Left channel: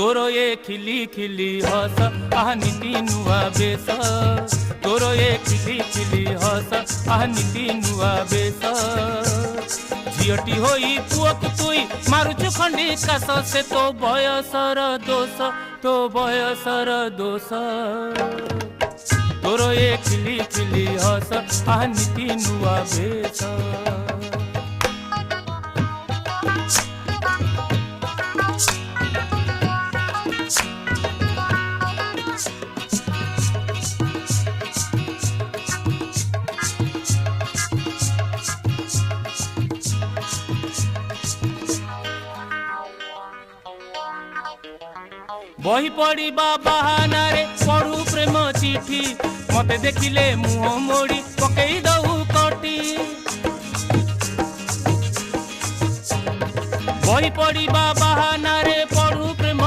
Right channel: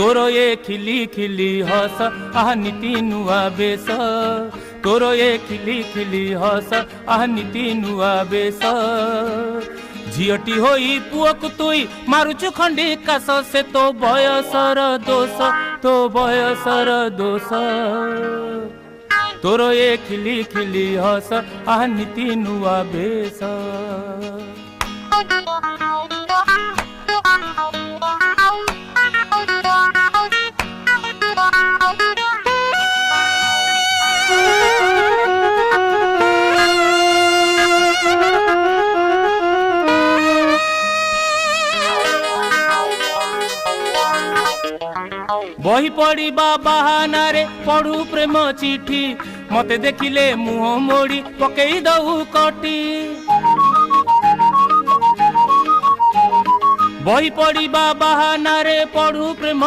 तोर ये खिली खिली हस आह नीति नुआ बेस तोर ये खिली खिली हस आह नीति नुआ बेस झीटी होई पुअक तुई मारुचु खंडी कास से तो बयसर दोष तोर ये खिली खिली हस आह नीति नुआ बेस। बही पढ़ा बहाना रे पढ़ू प्रेम चिठी मते देखिले मुह मोड़ी पकई दऊ कटी बही पढ़ा बहाना रे पढ़ू प्रेम